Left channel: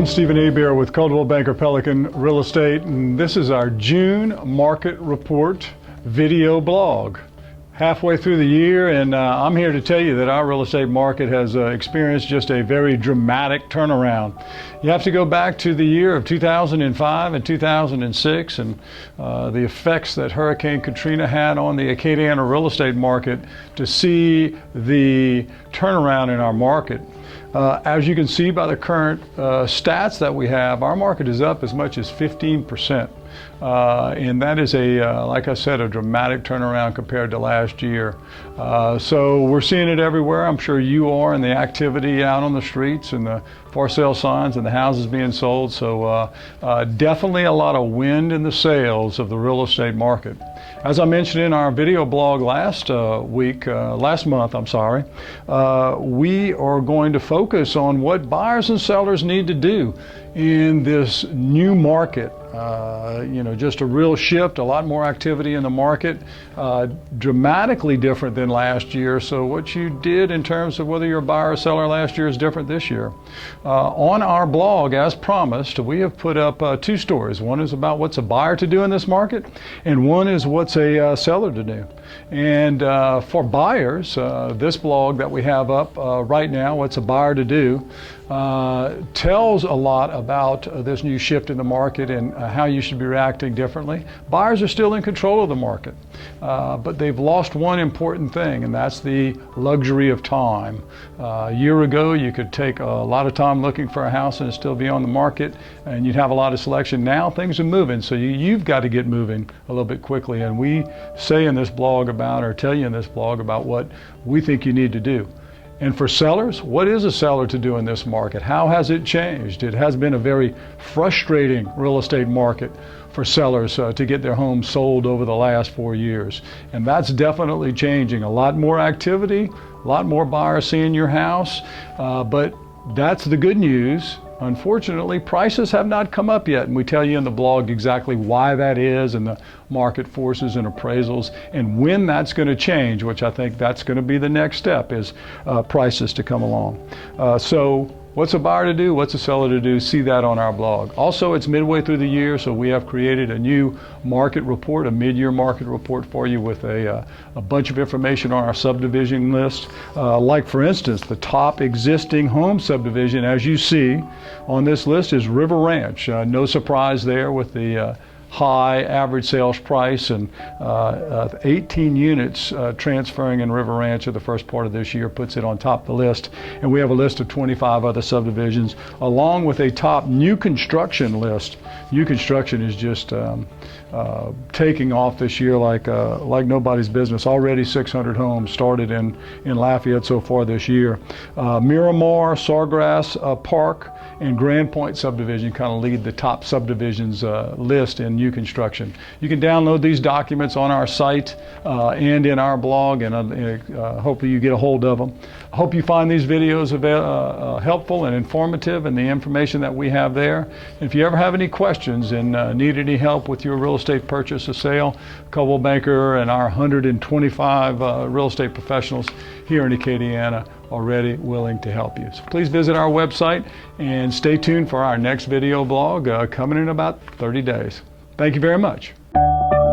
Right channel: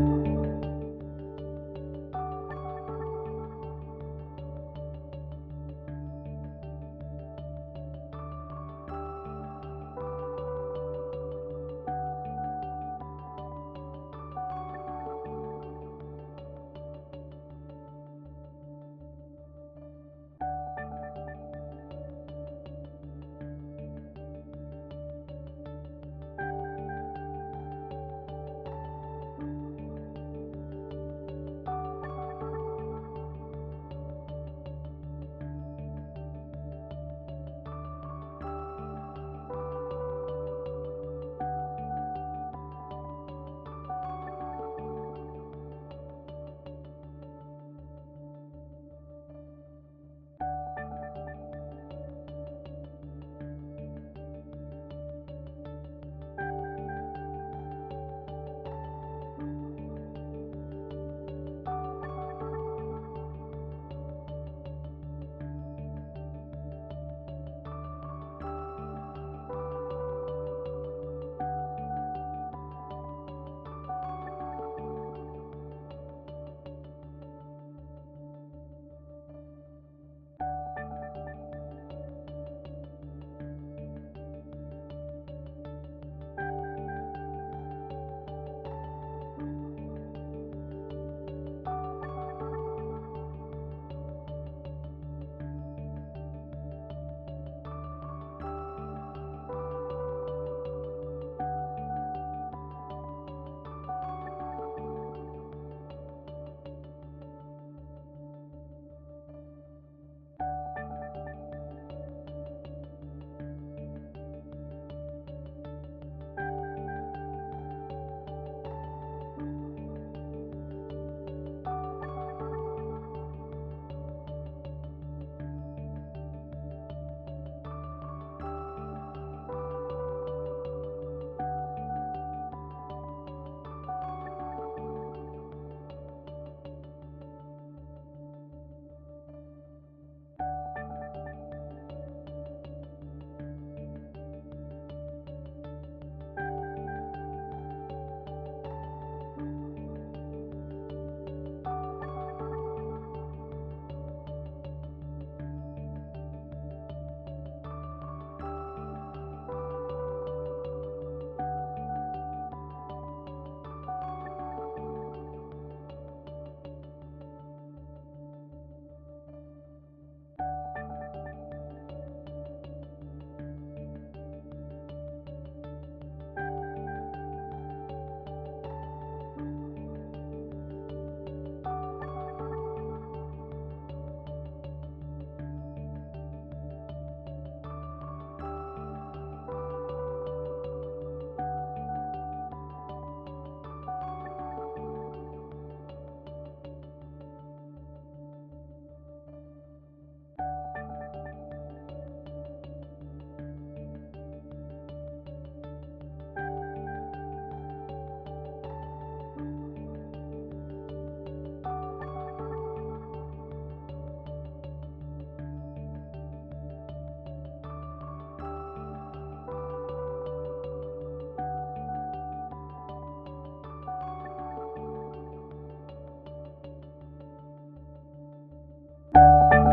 I'm Stephen Hebert with Coldwell Banker Pelican Real Estate, and this is our June Market Report video blog. Halfway through the year, and I'm here to tell you that our real estate market has experienced just a very dramatic turnaround. You have to go back to the year of 2005 and 2006 and the effects that Hurricane Katrina had on the Acadiana real estate market to see the turnaround in our market. As you can see by the current stats that we have, our market is up as much as 15%. And that is like I said, a dramatic turnaround compared to last year. So we're seeing it everywhere. I'm sure you are, and the activity out on the streets and the for sale signs and the houses being sold. So definitely a lot of wind in the sails of the real estate market. As I mentioned in our video blog last month, we are going to focus on what buyers and sellers need to do in this new market. Just a real shift, a lot more activity in the market, dramatically different than last year. So what you did in terms of whether you're a buyer or seller last year is different this year. On our blog, as promised, we have put up two stories. One is about what's a buyer to do in this market, and one is what's a seller to do. And for buyers, this blog that we have up right now, what's a buyer to do, tells a lot about this new shift in the market and how you should be reacting differently. Buyers are still in control of the market, but they've lost one important thing, and that's the luxury of time. A year ago, you could take a lot of time looking for a house and it'd still be on the market, and you'd have a lot of selection. Now things are moving, so you've got to get moving a little bit quickly. And we say in this blog about, or tell you in this blog about what we think you need to do. And for sellers, what is a seller to do in this market? How has it changed? It has been a very frustrating real estate market for sellers to get their homes sold over the last 4 years. And that's definitely changing. A lot more activity, a lot more buyers seeing your house, but that's the good news. Unfortunately, prices have not come up yet, and we tell you in the blog exactly why that is, and the market forces and appraisals, and when that's going to change, which I think that's going to be the next step, is prices to come along. So what's a buyer to do? What's a seller to do? See that on our blog. Also, it's midway through the year, so we have created a new market report, a mid-year market report for you with a bunch of information on our subdivision list. Like, for instance, the top existing home subdivision, as you see on this list, is River Ranch. No surprise there with the high average sales price, and 18 units transferring in River Ranch in the first part of this year puts it on top of the list. And we have a list of 25 other subdivisions, along with a top new construction list. New construction is just taking off this year like nobody's business. Already 600 homes started in Lafayette so far this year. Miramar, Sawgrass Park, and Grand Point subdivision kind of lead the top subdivisions list in new construction. You can download these documents on our site and in our blog, and hopefully you get a hold of them. I hope you find these videos helpful and informative, and the information that we have there. If you ever have any questions and need any help with your real estate purchase or sale, Coldwell Banker and our 125 real estate professionals here in Acadiana are ready, willing to help you. So please visit our website and stay tuned for our next video blog coming in about 30 days. Thank you very much.